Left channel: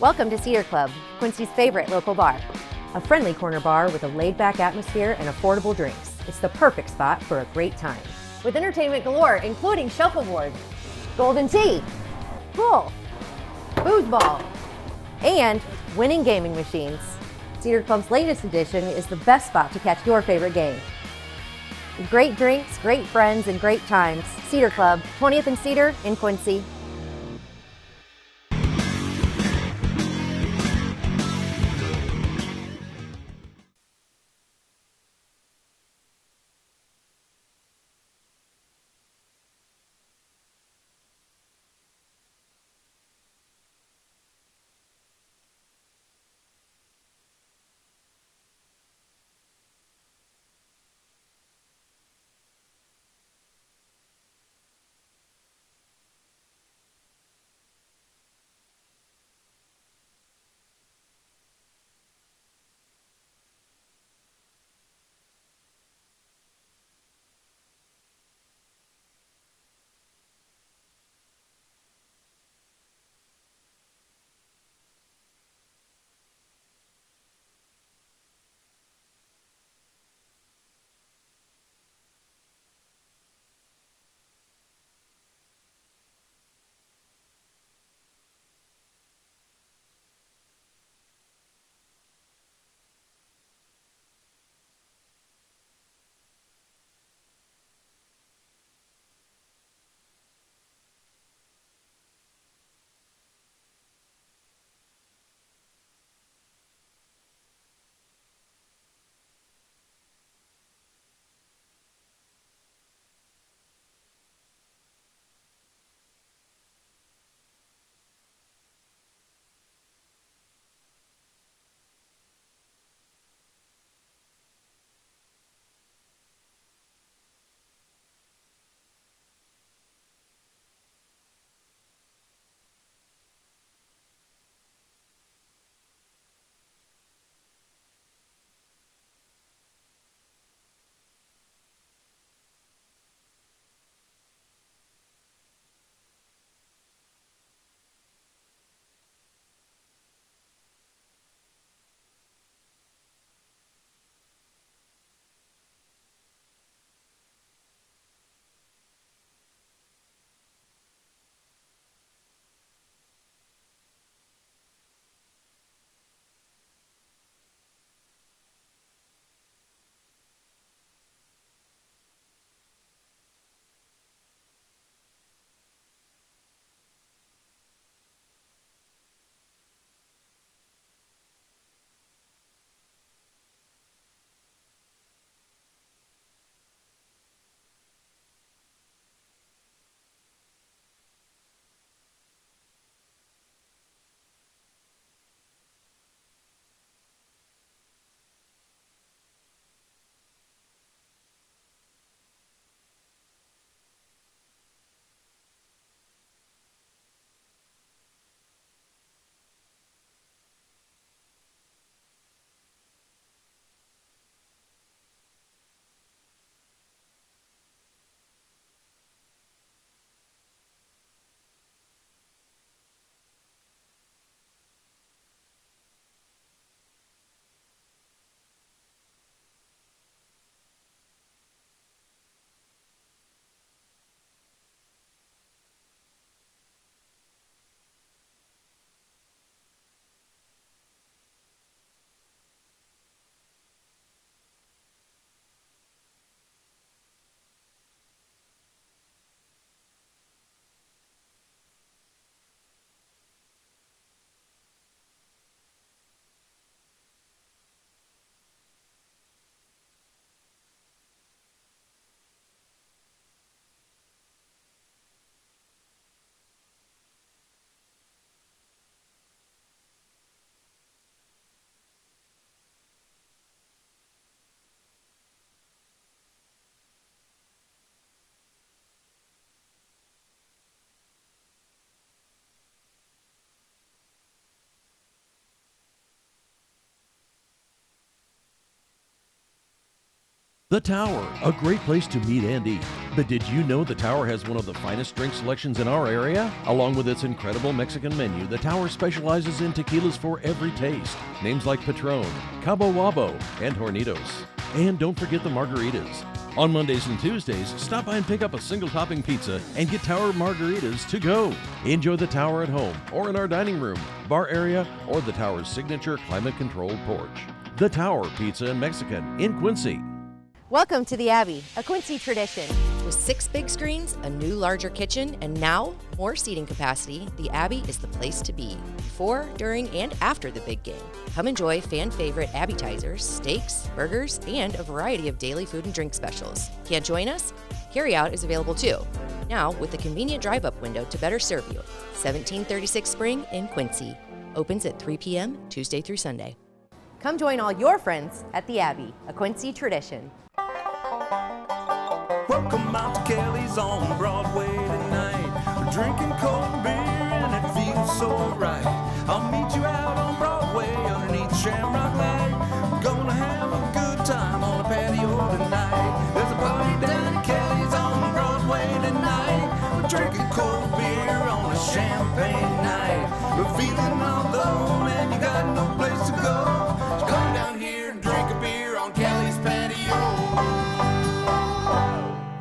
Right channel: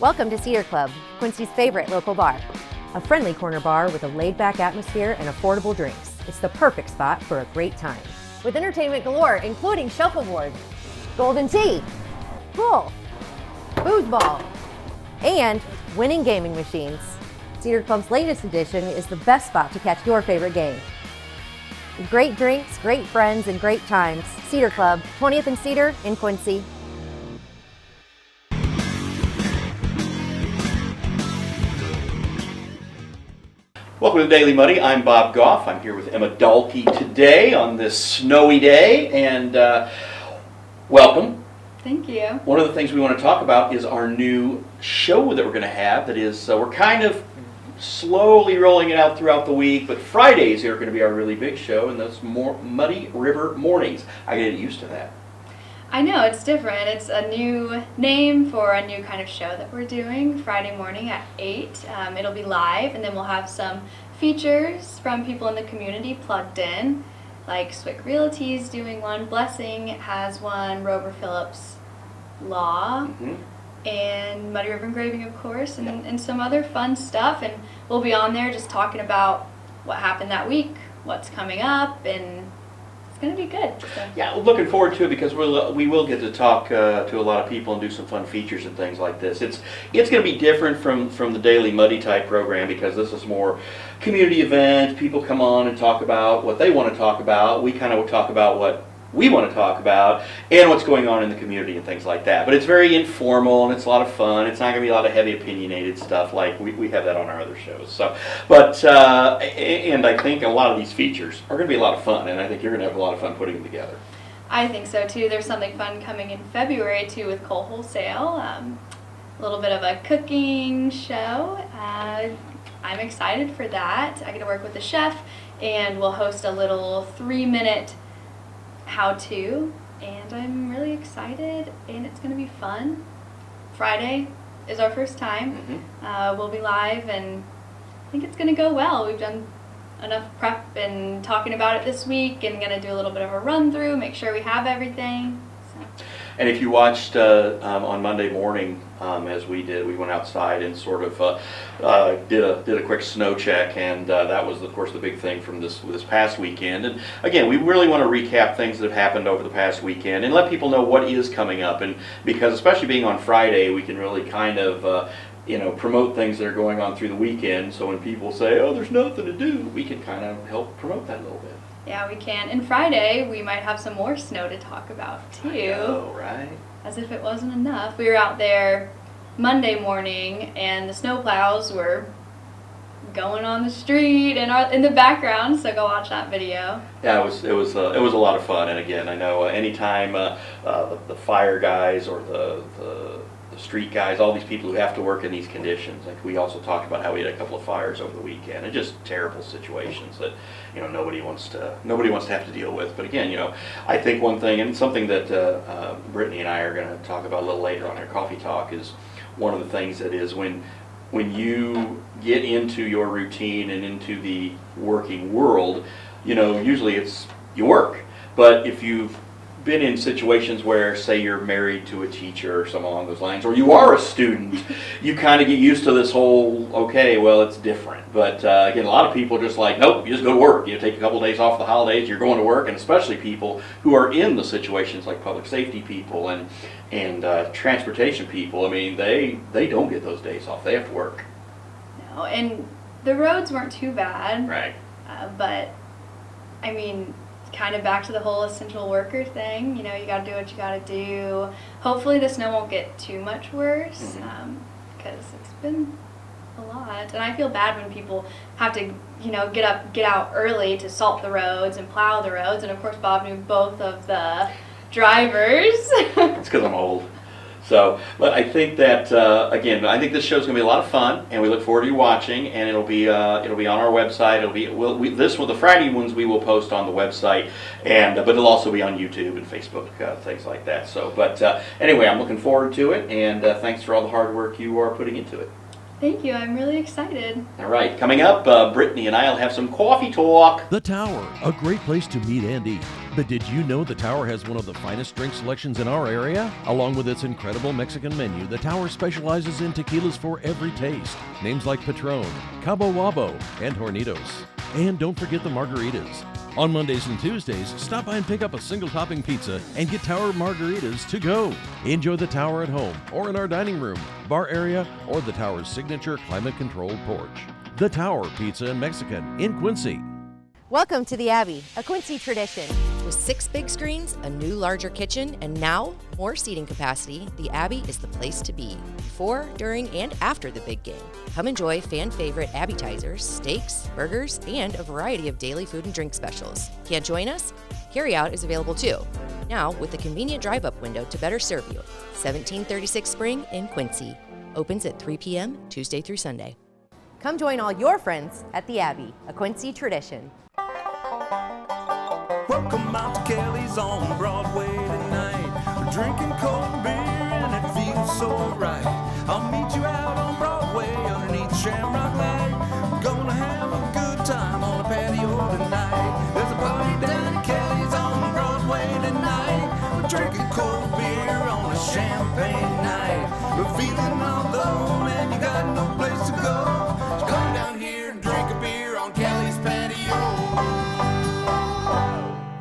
Welcome to Cedar Club, Quincy's favorite local bar. A friendly corner bar with a laid-back atmosphere and affordable drinks. It's the perfect spot for a great time. With entertainment galore, including shuffleboard, golden tee, pool, foosball, and winning gaming machines. Cedar Club's latest edition is the best spot to catch your favorite game. Great drinks, great friends, and great times. Cedar Club, 20th and Cedar in Quincy. Welcome to Daily Muddy. I'm Bob Gough. I'm here with Emma Dalke today on this snowy day, and welcome. Thank you. One of the things we want to talk about is our new show that we're going to have. That is, we're kind of slowly rolling it out throughout the week, but Fridays are going to be our really big show, and that's Muddy River Mornings. I get used to that. I know, it's different. It's a new name for a new kind of show that we're doing Friday morning at 8. It'll be live, and then we'll have some features from people in the community plugged in, like Swick Realty's doing one, Blessing has one, Rover Phillips Law, and Muddy River Engraving, of course, and some other fun stuff. And we'll be on there just talking about what happened that week, what's coming up, and it's going to be good. So. Yeah, looking forward to it because we will get to talk to a lot of people and do some fun features and things like this. It's going to be different from the Daily Muddy type program because this is more community event. People come on and talk about what they want to talk about. We kind of talk about what we want to talk about and what's going on in the community and things like that. But it's very informal and it's a lot of fun. It's not going to be a lot of heavy opinionated stuff like we have that on our other shows. So, but and I think a lot of these features are going to be a lot of fun, and I think you're going to have a lot of fun putting them together. I think so too. There's something fun coming in February too with Coal Wholesale. A little bit of a cooking show. I'm excited for that. I get to work with the chef, and we'll host a little 3-minute how-to, and I'm really excited, and it's going to be fun. Friday is our first time. We'll be live, and I think it's going to go well. We've done enough prep and talking about it this week, and going to do a little bit of a run-through, make sure we have everything. So. And if you watched on Monday morning, as we did, we went outside and sort of did a quick snow check, and that was, of course, the big thing from this past weekend. And again, we really want to recap things that have happened over the past weekend and let people know what is coming up. And because especially being on Friday, we can really kind of promote things that are going on through the weekend. So when people say, "Oh, there's nothing to do," we can kind of help promote that a little bit. Yeah, we can. And Friday, we might have some more snow to talk about, too. I know, right? As if it wasn't enough. We were out there Monday morning, and the snowplows were going on the street and in the background, so go watch that video. Yeah, it was a lot of fun. And again, I know anytime the fire guys or the street guys, all these people who have to work in these conditions. Like we also talked about how we had a couple of fires over the weekend, and just terrible situations that nobody wants to have to deal with. But again, I think one thing, and something that Brittany and I are going to talk about a little later on our coffee talk, is one of the things that is when you get into your routine and into the working world, usually it's you work. But if you've been in situations where, say, you're married to a teacher or something along those lines, or you are a student, you kind of get used to this whole, okay, well, it's different. But again, a lot of people are just like, nope, you just go to work. You take a couple of days off the holidays, you're going to work, and especially people who are in the situations like public safety people and transportation people. I mean, they don't get those days off. They have to work. No, and the roads weren't too bad. Right. But, I mean, kind of back to the whole essential worker thing. You got to do what you got to do. Hopefully the snow won't get too much worse because it's been a lot. And I feel bad when people have to, get out early to salt the roads and plow the roads. And of course, Bob knew both of the drivers. It's because I'm old. So, but I think that again, I think this show's going to be a lot of fun, and we look forward to you watching. And it'll be on our website. The Friday ones we will post on the website, but it'll also be on YouTube and Facebook, things like that. So, but anyway, I'm looking forward to it, and thanks for all the hard work you are putting into it. Thank you. I'm really excited. All right, coming up, Brittany and I will have some coffee talk. The Tower, a great place to meet and eat. But did you know the Tower has one of the finest drink selections in our area? Along with its incredible Mexican menu, the Tower specializes in tequilas for every taste. Names like Patron, Cabo Wabo, and Hornitos. And don't forget the margaritas. On Mondays and Tuesdays, stop by and pick up a single topping pizza and get Tower margaritas to go. Enjoy the Tower at home or in our dining room, bar area, or the Tower's signature climate-controlled porch. The Tower Pizza and Mexican in Quincy. Welcome to the Abbey, a Quincy tradition. With 6 big screens, a new larger kitchen, and now more seating capacity, the Abbey is the place to be before, during, and after the big game. Come enjoy fan favorite appetizers, steaks, burgers, and a variety of daily food and drink specials. Can't join us? Carryout is available too. Now with a convenient drive-up window to better serve you. 1736 Spring in Quincy. Opens at 3 p.m. Tuesday through Sunday. Come join all your friends at the Abbey, a Quincy tradition. Welcome out to Kelly's on Broadway tonight. We're drinking cold beer and it feels so right. I'll meet you out on Broadway underneath the Shamrock Light. We're gonna have a good time on the patio tonight. There's a party down at Kelly's on Broadway tonight. We're drinking cold beer on a champagne night. We're feeling all alone and you got no place to go. So come down here and drink a beer on Kelly's patio.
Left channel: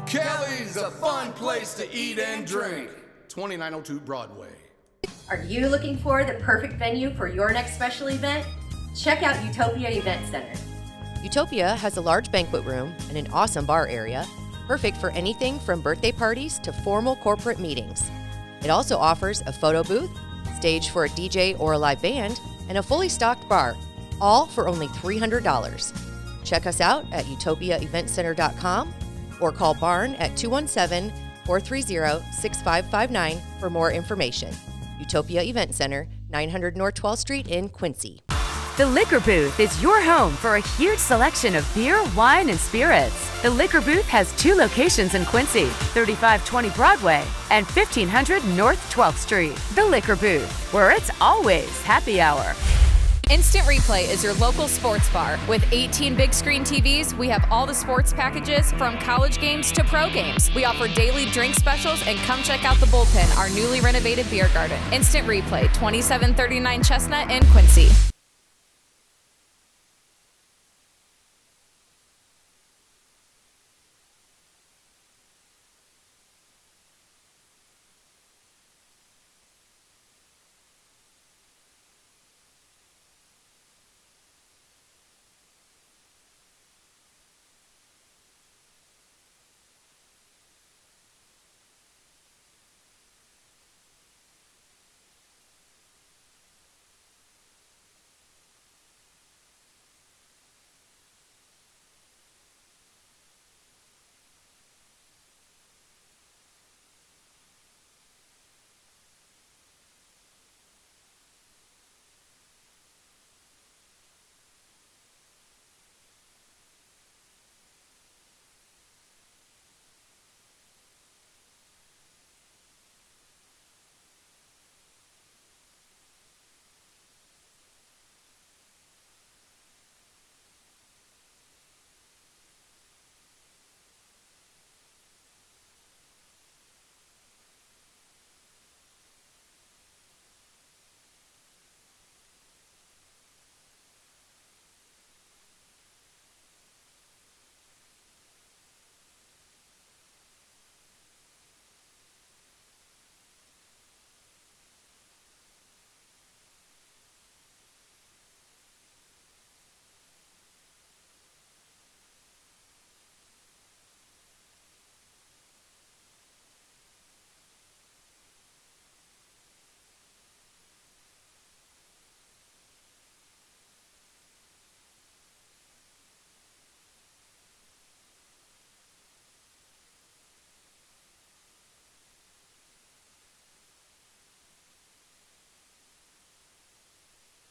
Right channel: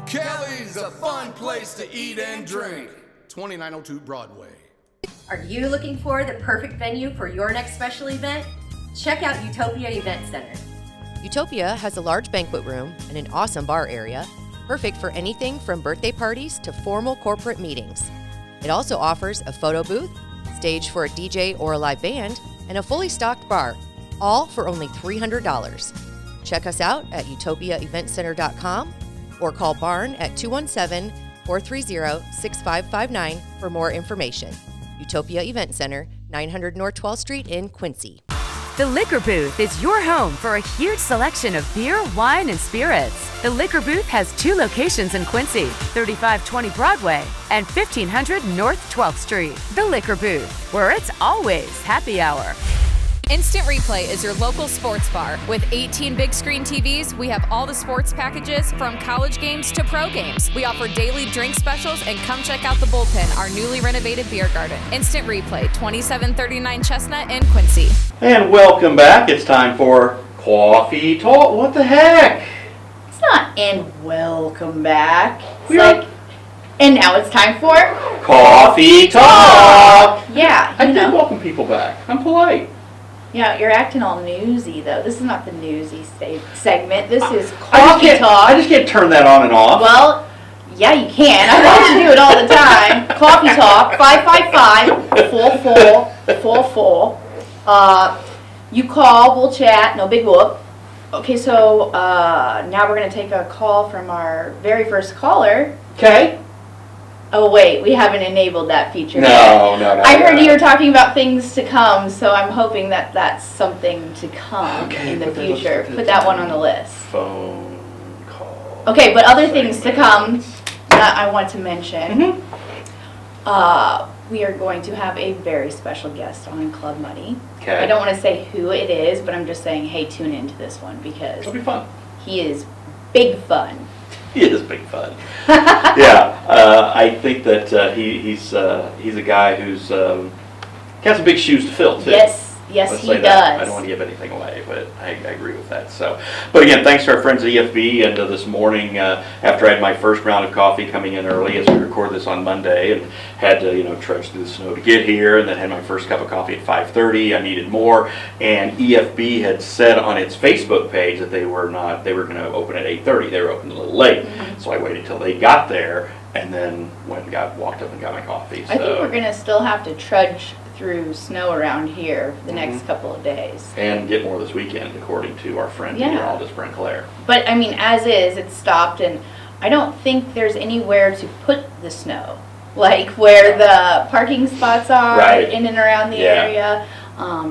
Kelly's a fun place to eat and drink. 2902 Broadway. Are you looking for the perfect venue for your next special event? Check out Utopia Event Center. Utopia has a large banquet room and an awesome bar area, perfect for anything from birthday parties to formal corporate meetings. It also offers a photo booth, stage for a DJ or a live band, and a fully stocked bar, all for only $300. Check us out at utopiaeventcenter.com or call Barn at 217-430-6559 for more information. Utopia Event Center, 900 North 12th Street in Quincy. The Liquor Booth is your home for a huge selection of beer, wine, and spirits. The Liquor Booth has 2 locations in Quincy, 3520 Broadway and 1500 North 12th Street. The Liquor Booth, where it's always happy hour. Instant Replay is your local sports bar. With 18 big screen TVs, we have all the sports packages from college games to pro games. We offer daily drink specials, and come check out the Bullpen, our newly renovated beer garden. Instant Replay, 2739 Chestnut in Quincy. And welcome back. It's time for Coffee Talk. What the heck? It's not and welcome back. It's We are- like, and now it's time for Coffee Talk. Yeah, I you did know. welcome people back. I'm polite. Yeah, you're acting all newsy though. This is not the newsy segment. This is I coffee talk. just can't turn that on and off. Well, yeah, you can. I watch you do it all the time. Coffee talk. 555-4444. You call. We'll chat. No big whoop. Okay, so now we're gonna take a call from our very first caller. Okay. Oh wait, we haven't enabled that feature yet. No. I heard you were talking about things to come, so I'm hoping that that's something to come in the future. Put that one on the list. Phone call. Okay, but other things to come that I want to mention. We are going to have a very special guest on Club Money. Okay. I don't want to say who it is, but I'm just saying, hey, tune into this one because It'll be fun. he is big fun. He is big fun. Yeah, I think that he's a guy who's got some big shoes to fill too. Yes, Let's he say that. I does. don't want to give anything away, but I agree with that. So, but again, thanks to our friends at EFB. And this morning, after I had my first round of coffee coming in early, as we record this on Monday, and had to trudge through the snow to get here, and then had my first cup of coffee at 5:30. I needed more, and EFB had said on its Facebook page that they were going to open at 8:30. They were open a little late, so I waited till they got there, and then walked up and got my coffee. I think we're going to still have to trudge through snow around here for the next couple of days. And get more this weekend, according to our friend Aldous Brinclair. But I mean, as is, it's stopped, and I don't think there's anywhere to put the snow, like where the parking spots are, Right. in and around the Yeah. area,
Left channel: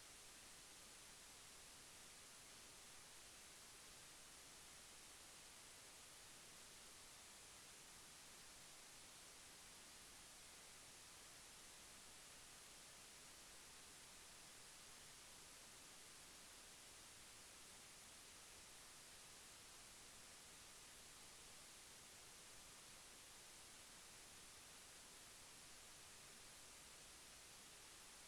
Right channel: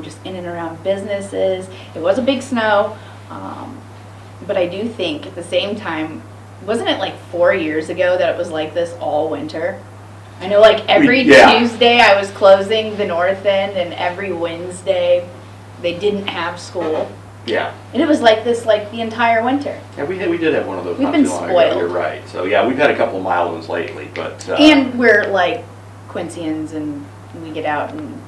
just in and around businesses. It was a big snow, but I do think at the same time, wasn't it like 4 years ago that it was like this all winter? I know, like every Yeah. Tuesday I was closing the north end, and every Wednesday they didn't have school. Yeah. And it was like this like the entire winter. Yeah, we did have one of those We've not been too long ago. spoiled. You're right. So yeah, we've had a couple of mild ones lately, but And we're like Quincyans, and we get out and,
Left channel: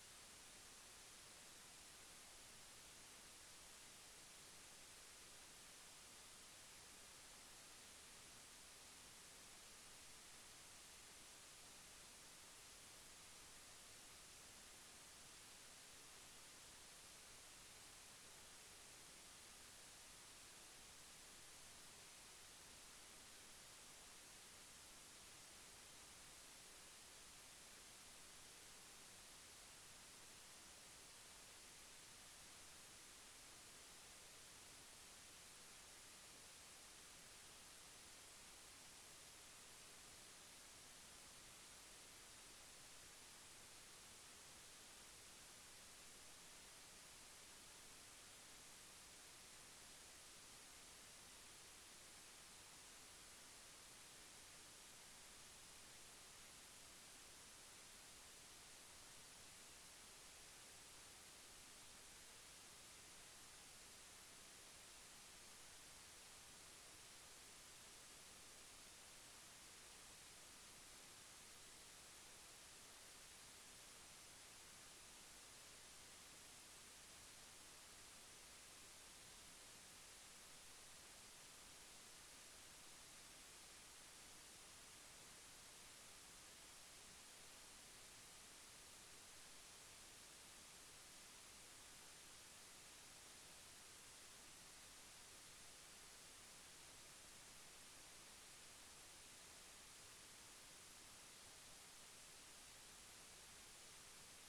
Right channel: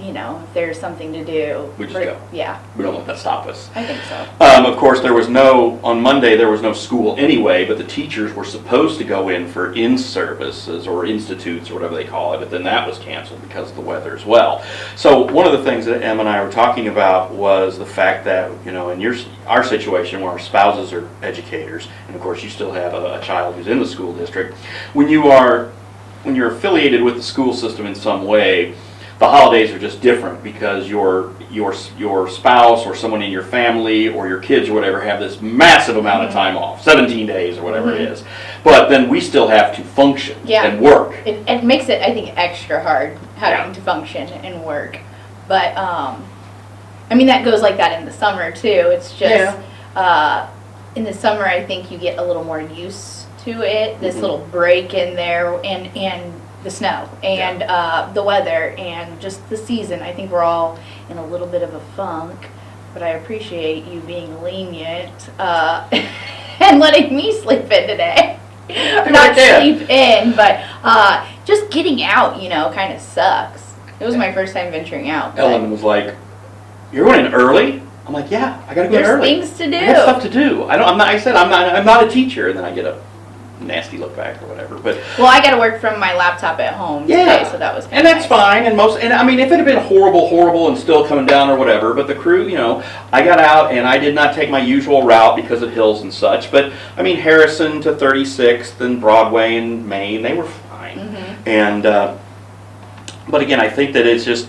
you know, if there's something to do. We just go. Yeah, we don't let that stop us. I think so. Of course, on Monday there was no school anyway, but the teachers were supposed to go in for in-services or institutes or whatever they call it, but then that was canceled because of the weather as well. So one of the things that Em and I were talking about was the fact that, you know, in our situation where our spouses are educators, and of course you still have a child who's in the school district, when you're affiliated with the school system in some way, the holidays are just different because your spouse or someone in your family or your kids or whatever have this massive amount of time off, 17 days or whatever it is. But then we still have to function and work. It makes it, I think, extra hard having to function and work. But, I mean, that goes like that in the summer, too. It's just, in the summer, I think you get a little more used to it, this little break in there, and the snow, and the weather, and just the season. I think we're all in a little bit of a funk, but I appreciate you being lenient and letting me sleep in today. Not sleep in, but just getting out, you know, kind of sucks. It was my first time venturing out. Ellen was like, "You're going in early?" I'm like, "Yeah, I gotta go in early. There's things to do. I got stuff to do. I'm not a teacher," and then I get a nasty look back or whatever. But well, I got to work from my laptop at home today, so that was kind and of that's nice. fine. And I mean, if it had been horrible and still coming down or whatever, but the crew, you know, I got out and I did not take my usual route because of hills and such. But I mean, Harrison to 36th and Broadway and Main, they were fine. And but again, I think that it's just,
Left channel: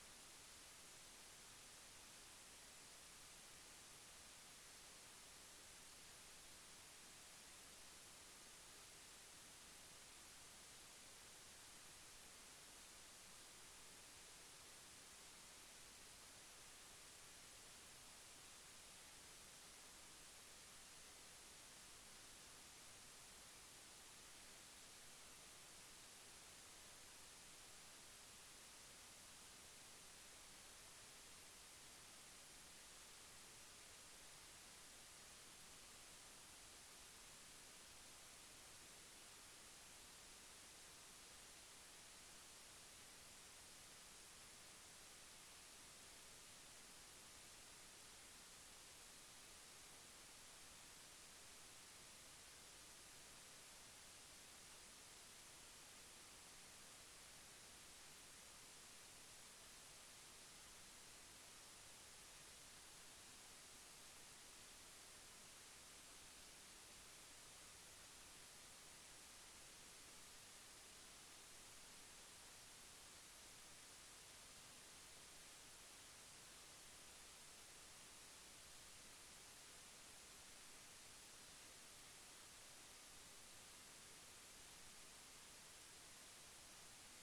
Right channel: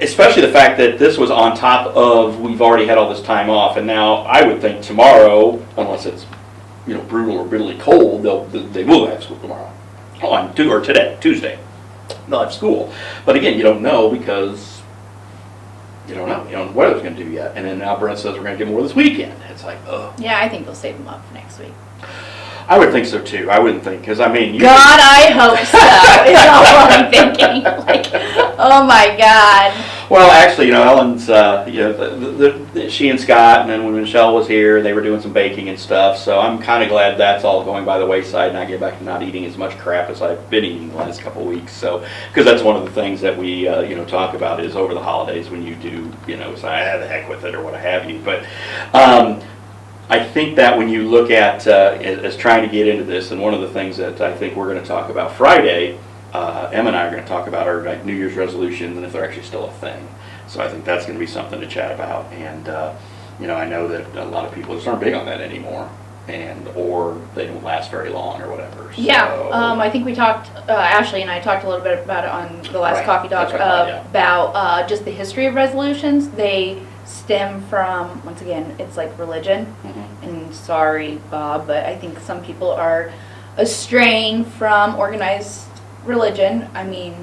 especially the fact that this was on top of we've already had all this time off, and now I would think tomorrow, unless it's, you know, brutal or bitterly cold, they will have school tomorrow. Tuesday. They'll have school. But again, you don't know because you don't know. You don't know what it's going to do yet. And then now Brent says we're going to get more this weekend. It's like, ugh. Yeah, I think they'll save them up for next week. I would think so too. I wouldn't think, because I mean, God, I hope so. Is all I'm thinking. Like, oh my God. Well, actually, you know, Ellen's, you know, she and Scott, and then when Michelle was here, they were doing some baking and stuff. So I'm kind of glad that's all going by the wayside, and I get back to not eating as much crap as I've been eating the last couple of weeks. So, because that's one of the things that we, you know, talk about is over the holidays when you do, you know, say, the heck with it or what have you. But I think that when you look at as trying to get into this, and one of the things that I think we're going to talk about Friday, Emma and I are going to talk about our New Year's resolutions and if they're actually still a thing. So I think that's going to be something to chat about. And you know, I know that a lot of people just aren't big on that anymore, or they don't last very long or whatever. So, yeah, I think we talked, Ashley and I talked a little bit about it on the last Coffee Talk, about just the history of resolutions. They stem from, once again, it's like religion. And sorry, Bob, but I think some people are straying from organized religion. I mean,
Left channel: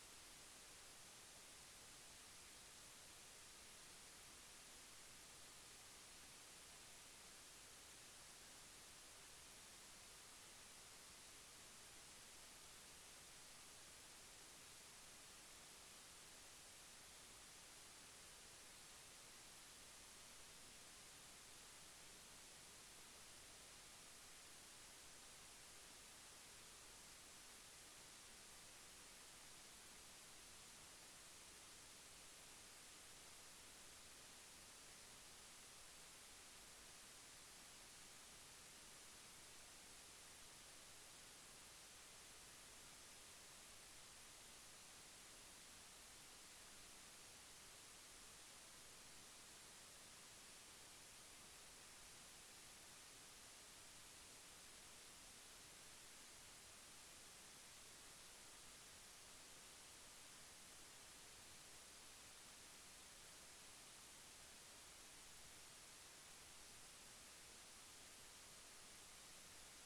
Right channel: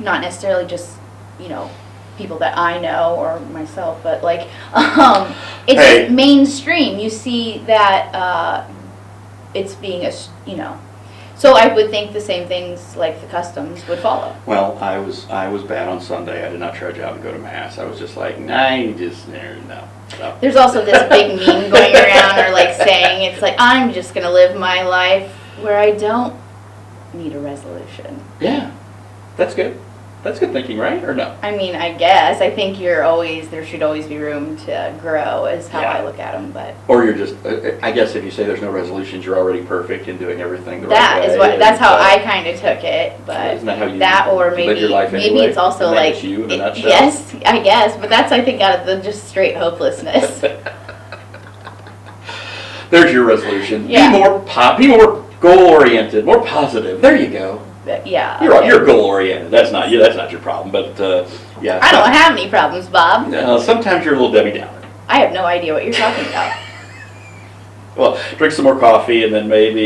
not necessarily just, you know, people that I know or myself, but like, it's just mainstream. You see that it's being, you know, so I would think the same things like the customs would follow. Well, I was bad on Sunday. I did not trudge out and go to Mass. I was just like, no. There's also this big meme going around, or like saying, it's like, I'm just going to live my life where I don't need a resolution. Yeah, that's good. That's good thinking, right? Or no? I mean, I guess. I think there should always be room to grow, is how I look at them. But or you're just, I guess if you say there's no resolutions, you're already perfect in doing everything the right way. That's how I kind of took it. But isn't that how you or live maybe your life anyway? maybe it's also and like you in a nutshell? Yes, I guess. But that's, I think, out of the just straight hopelessness. There's your resolution. Yeah. Be more goal-oriented, more positive. There you go. Yeah. You're goal-oriented. That's not you. That's not your problem. But yeah. I don't have any problems, Bob. Sometimes you're a little Debbie Downer. I have no idea what you're talking about. Well, drink some more coffee, and then maybe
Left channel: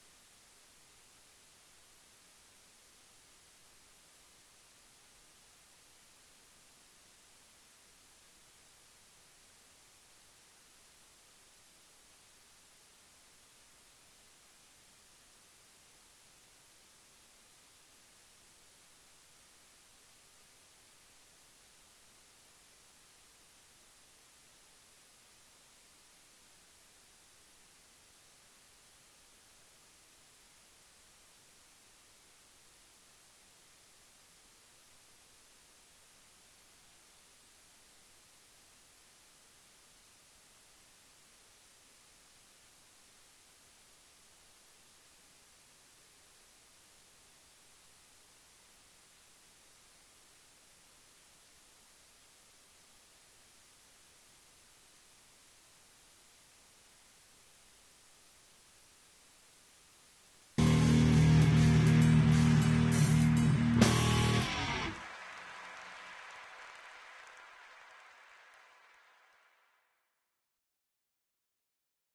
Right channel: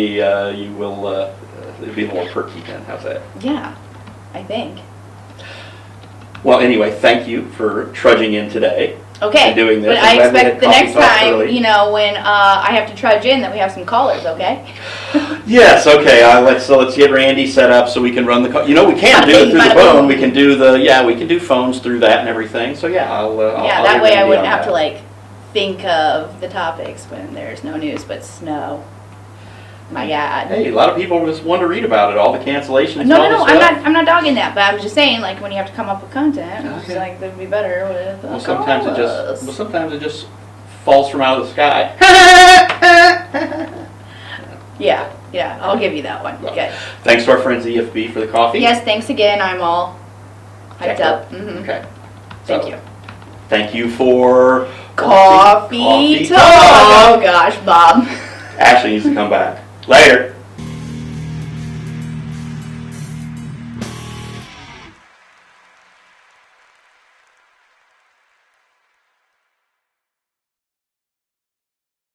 you will be more perky then. How's that? Yeah, I think. Well, anyway, thank you for trudging in today. Okay, and doing this. but I'm I glad we had expect the coffee next talk time, early. you know, when I have to trudge in, that we have some callers, okay? Yes, okay, let's get Randy set up so we can run the, we can do it through the Bada bing, bada phone, boom. we can do we can do phones through that and everything, so yeah, I'll Yeah, I'll that get way I Randy wouldn't on have to that. like think of the topics when there's no news but snow. My God. Hey, a lot of people just want to read about it, all the cancellations and No, all no, no, this stuff. I'm not dogging that, but I was just saying, like, when you have to come up with content, it's Okay. like, that'd be better with Well, sometimes callers. it just falls from out of the sky. Yeah, I'll give you that one. Well, Good. Thanks to our friends EFB for the coffee. Yes, thanks again, I'm all hyped Checked up. Okay. Thank So, you. Thank you for Coffee talk. Oh gosh, Bob. Ashley needs to come back. Later.